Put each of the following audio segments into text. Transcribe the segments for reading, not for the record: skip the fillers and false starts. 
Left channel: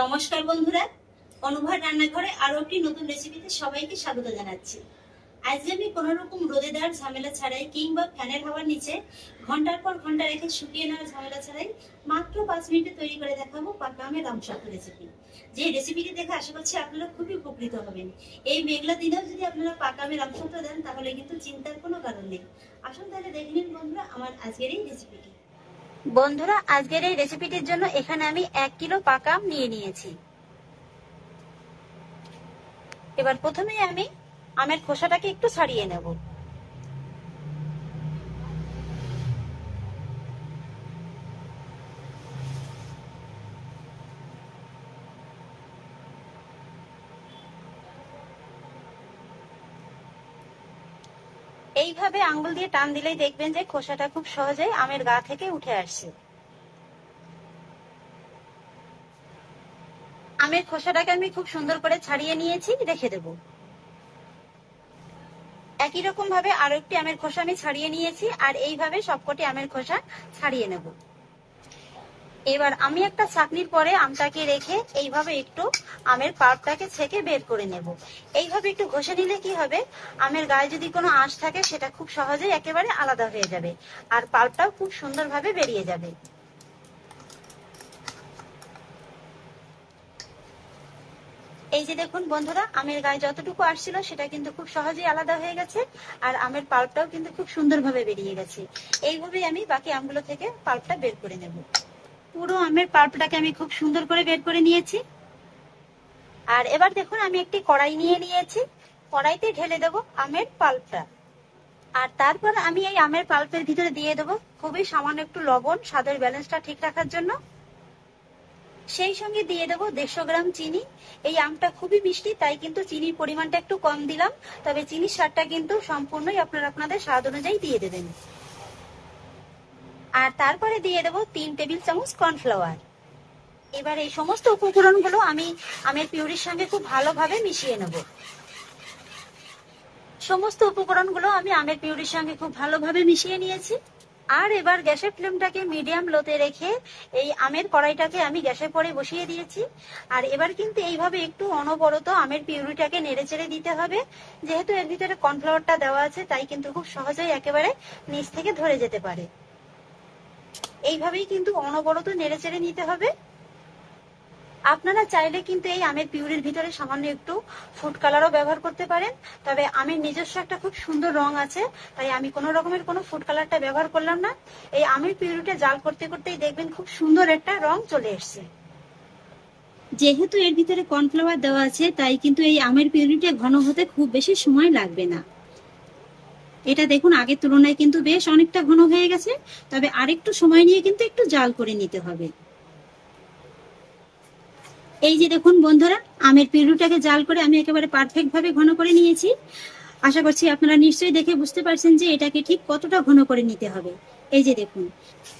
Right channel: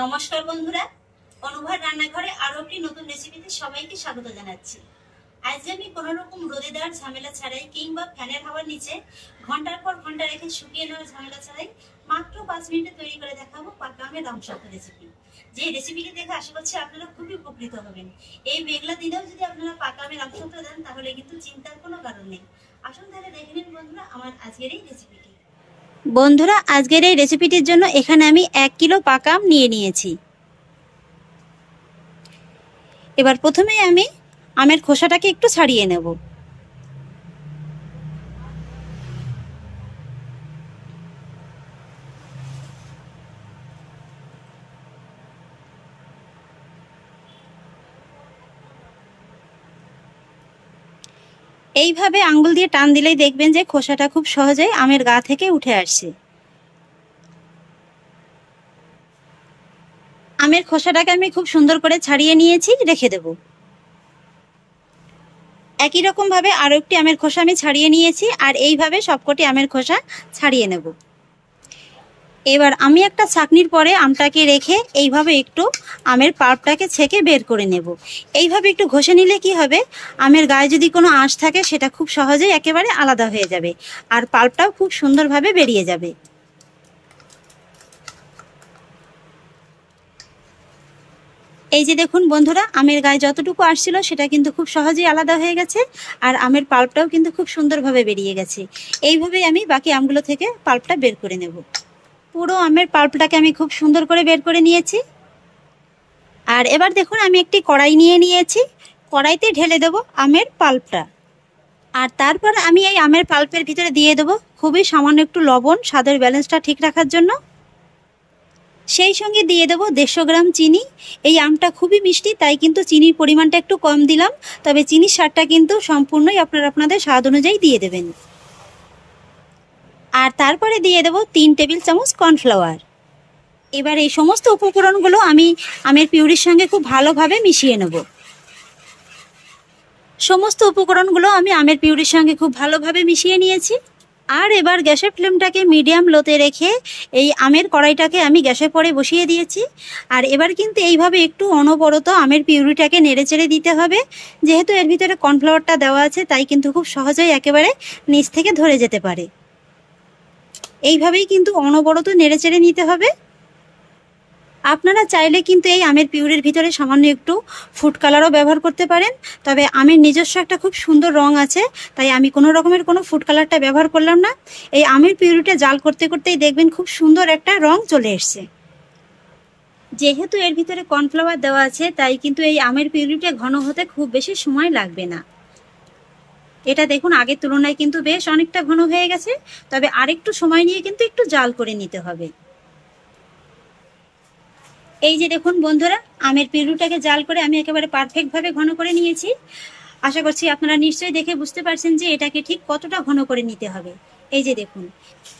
নমস্কার বন্ধুরা, অনুভব রান্নাঘরে আরো একটি নতুন রেসিপিতে সবাইকে স্বাগত জানাচ্ছি। আজ আমি কোনো রকম রোদে দেওয়ার ঝামেলা ছাড়াই কিংবা ফ্যানের হাওয়ার নিচে ঘন্টার পর ঘন্টা রেখে শুকিয়ে নেওয়ার ঝামেলা ছাড়াই মাত্র 5 মিনিটে তৈরি করে দেখাবো পাকা আমের আমসত্ত্ব রেসিপি। যে রেসিপিটি দেখে আশা করছি আপনারা খুবই উপকৃত হবেন। এই মেঘলা দিনেও যদি আপনারা পাকা আমের আমসত্ত্ব দেন তাহলে কিন্তু চিন্তার কোনো কারণ নেই। আসুন তাহলে দেখে নিন বন্ধুরা আমার আজকের এই রেসিপিটি। বন্ধুরা, আজকের এই রেসিপিটির জন্য এখানে আমি 1 কিলো পাকা আম নিয়ে নিয়েছি। এবার প্রথমে আমি আমের খোসাটাকে একটু ছাড়িয়ে নেব। এইভাবে আঙ্গুল দিয়ে টান দিলেই দেখবেন যে খোসাটা খুব সহজেই আমের গা থেকে উঠে আসছে। আমের খোসাটাকে আমি খুব সুন্দর করে ছাড়িয়ে নিয়েছি, রেখে দেব। একই রকম ভাবে আরো একটি আমের খোসা আমি ছাড়িয়ে নিয়েছি, আর এইভাবে সবকটি আমের খোসা ছাড়িয়ে নেব। এবার আমি একটা ছাঁকনির পরে আমটাকে রেখে এইভাবে একটু আমের পাল্পটাকে ছেঁকে বের করে নেব। এইভাবে একটু ঘষে নিলে কি হবে, আমের গায়ে যদি কোনো আঁশ থাকে সেটা খুব সহজেই একেবারে আলাদা হয়ে যাবে, আর পাল্পটাও খুব সুন্দরভাবে বেরিয়ে যাবে। এই যে দেখুন বন্ধুরা, আমের গায়ে যতটুকু আসছিল সেটা কিন্তু খুব সহজেই আলাদা হয়ে গেছে, আর আমের পাল্পটাও কিন্তু খুব সুন্দরভাবে বেরিয়ে গেছে। এইভাবেই আমি বাকি আমগুলো থেকে পাল্পটা বের করে নেব। পুরো আমের পাল্পটাকে আমি খুব সুন্দর করে বের করে নিয়েছি। আর এবার দেখুন আমি একটি কড়াই নিয়ে নিয়েছি, কড়াইতে ঢেলে দেব আমের পাল্পটা। আর তারপর আমি এই আমের পাল্পের ভিতরে দিয়ে দেব খুবই সামান্য একটু লবণ, স্বাদের ব্যালেন্সটা ঠিক রাখার জন্য। সেই সঙ্গে দিয়ে দেব 150 গ্রাম চিনি। এই আমটা খুবই মিষ্টি, তাই কিন্তু চিনির পরিমাণটা একটু কম দিলাম, তবে চিনির স্বাদটা কিন্তু সম্পূর্ণই আপনারা আপনাদের স্বাদ অনুযায়ী দিয়ে দেবেন। আর তারপরে দিয়ে দেব 3 টেবিল চামচ কর্নফ্লাওয়ার। এবার এই সমস্ত উপকরণগুলো আমি আমের পিউরির সঙ্গে খুব ভালোভাবে মিশিয়ে নেব। সমস্ত উপকরণগুলো আমি আমের পিউরির সঙ্গে খুব ভালোভাবে মিশিয়ে নিয়েছি। আর এবার গ্যাসের ফ্লেমটাকে মিডিয়াম লোতে রেখে এই আমের কড়াইটাকে আমি গ্যাসের পরে বসিয়ে দিয়েছি। আর এবার কিন্তু এইভাবে একটু অনবরত আমের পিউরিটাকে নেড়েচেড়ে দিতে হবে। যেহেতু এর ভিতরে কর্নফ্লাওয়ারটা দেওয়া আছে, তাই কিন্তু খুব সহজেই একেবারে নিচ থেকে ধরে যেতে পারে। এইভাবেই কিন্তু অনবরত নেড়েচেড়ে নিতে হবে। আপনারা চাইলে কিন্তু এই আমের পিউরির ভিতরে সামান্য একটু ফুড কালারও ব্যবহার করতে পারেন, তবে আমের নিজস্ব একটা খুব সুন্দর রং আছে, তাই আমি কোনো রকমের কোনো ফুড কালারটা ব্যবহার করলাম না। এই আমের পিউরিটা জাল করতে করতেই দেখবেন খুব সুন্দর একটা রং চলে এসছে। যেহেতু এর ভিতরে কর্নফ্লাওয়ার দেওয়া আছে, তাই কিন্তু এই আমের পিউরিটা ঘন হতে খুব বেশি সময় লাগবে না। এটা দেখুন আগের তুলনায় কিন্তু বেশ অনেকটা ঘন হয়ে গেছে, তবে আরেকটু সময় নিয়ে কিন্তু একটু জাল করে নিতে হবে। এই যে দেখুন বন্ধুরা, আমের পিউরিটাকে জাল করে আমি একেবারে পারফেক্ট ভাবে ঘন করে নিয়েছি। আশা করছি আপনারা নিশ্চয়ই দেখে বুঝতে পারছেন যে এটাকে ঠিক কতটা ঘন করে নিতে হবে। এই যে দেখুন,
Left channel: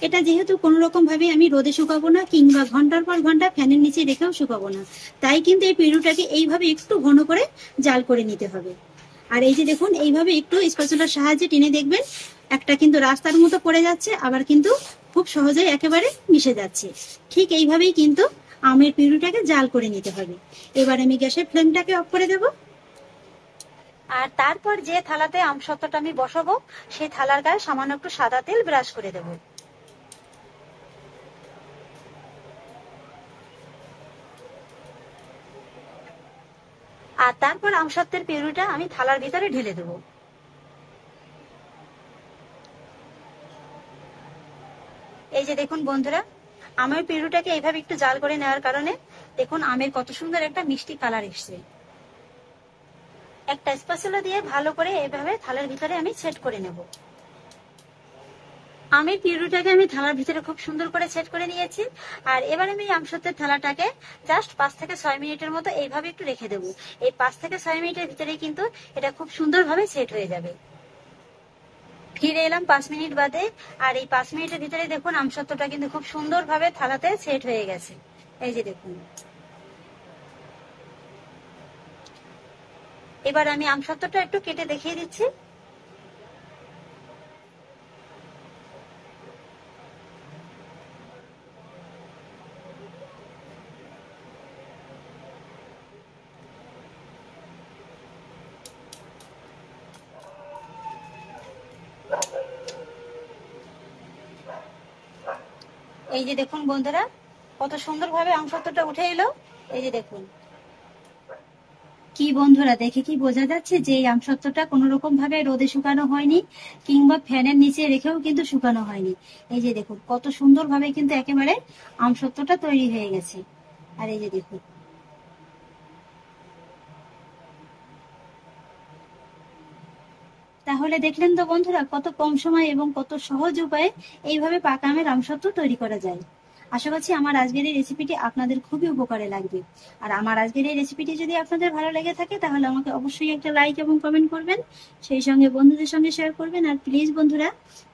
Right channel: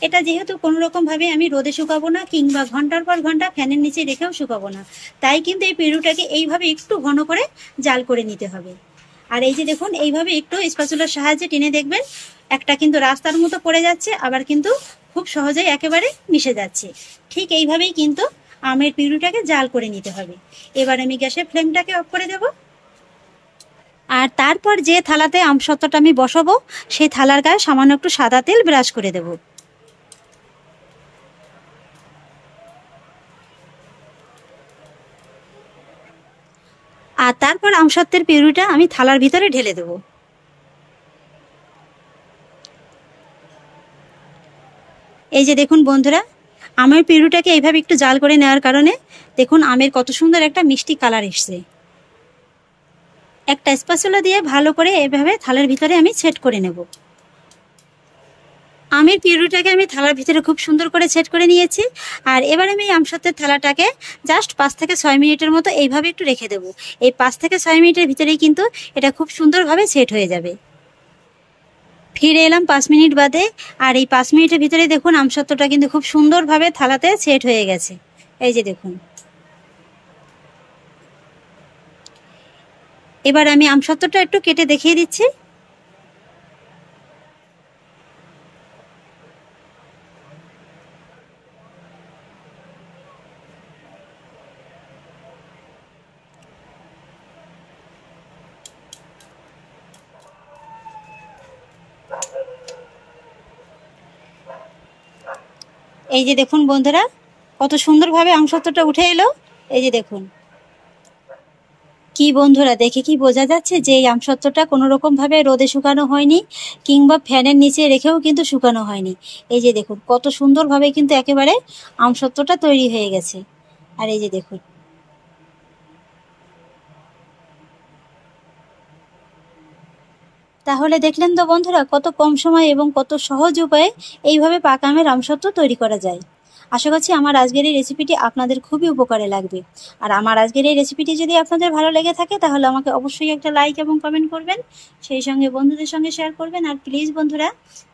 এটা যেহেতু কোনো রকম ভাবে আমি রোদে শুকাবো না কিংবা ঘন্টার পর ঘন্টা ফ্যানের নিচে রেখেও শুকাবো না, তাই কিন্তু এই পিউরিটাকে এইভাবে একটু ঘন করে জাল করে নিতে হবে। আর এই যে দেখুন, এইভাবে একটু স্প্যাচুলার সাহায্যে টেনে দেখবেন একটা কিন্তু রাস্তার মতো পড়ে যাচ্ছে, আবার কিন্তু খুব সহজেই একেবারে মিশে যাচ্ছে। ঠিক এইভাবেই কিন্তু আমের পিউরিটাকে জাল করে নিতে হবে। এবার আমি গ্যাসের ফ্লেমটাকে অফ করে দেব। আর তারপর যে থালাতে আমসত্ত্বটা আমি বসাবো, সেই থালার গায়ে সামান্য একটু সাদা তেল ব্রাশ করে দেব। আর তারপর আমসত্ত্বের পিউরিটা আমি থালার ভিতরে ঢেলে দেব। এই যে দেখুন বন্ধুরা, আমের পিউরিটাকে এইভাবে একটু জাল করে নেওয়ার কারণে দেখুন আমের কত সুন্দর একটা মিষ্টি কালার এসছে। একটা স্প্যাচুলা দিয়ে ভালো করে এইভাবে থালার ভিতরে আমি সেট করে নেব। আমের পিউরিটাকে আমি থালার ভিতরে খুব সুন্দর করে সেট করে নিয়েছি। আর এবার আমি আমসত্ত্বের থালাটাকে জাস্ট 5 থেকে 6 মিনিটের মতো এইভাবে একটু রেখে দেবো। এই 5 থেকে 6 মিনিটের ভিতরেই কিন্তু এটা খুব সুন্দরভাবে সেট হয়ে যাবে। ফিরে এলাম 5 মিনিট বাদে, আর এই 5 মিনিটের ভিতরে দেখুন আমসত্ত্বটা কিন্তু খুব সুন্দরভাবে থালাতে সেট হয়ে গেছে। এই যে দেখুন, এবার আমি আমসত্ত্বটা একটু কেটে দেখিয়ে দিচ্ছি। এই যে দেখুন বন্ধুরা, কত সুন্দরভাবে আমসত্ত্বটা উঠে এলো। এই যে দেখুন, কি বন্ধুরা, দেখে কি বোঝা যাচ্ছে যে এই আমসত্ত্বটা কোনো রকম ভাবে রোদে শুকানো হয়নি, কিংবা ফ্যানের নিচে রেখেও কিন্তু শুকানো হয়নি। এই যে দেখুন কত সুন্দরভাবে কিন্তু একেবারে আমসত্ত্বটা তৈরি হয়ে গেছে। আর এই যে দেখুন, তাহলে দেখলেন তো বন্ধুরা, কত কম সময় এবং কত সহজ উপায়ে এইভাবে পাকা আমের আমসত্ত্ব তৈরি করা যায়। আশা করছি আমার আজকের এই রেসিপিটি আপনাদের খুবই উপকারে লাগবে। আর আমার আজকের এই রেসিপিটি যদি আপনাদের ভালো লেগে থাকে তাহলে আমাকে অবশ্যই একটা লাইক এবং কমেন্ট করবেন, সেই সঙ্গে বন্ধুদের সঙ্গে শেয়ার করবেন। আর প্লিজ বন্ধুরা,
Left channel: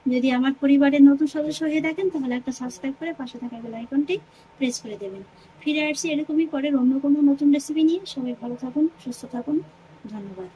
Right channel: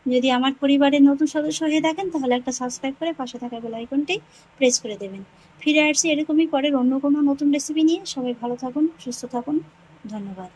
যদি আমার পরিবারের নতুন সদস্য হয়ে থাকেন তাহলে একটা সাবস্ক্রাইব করে পাশে থাকা বেল আইকনটি প্রেস করে দেবেন। ফিরে আসছি এরকমই পরের অন্য কোনো নতুন রেসিপি নিয়ে। সবাই ভালো থাকুন, সুস্থ থাকুন, ধন্যবাদ।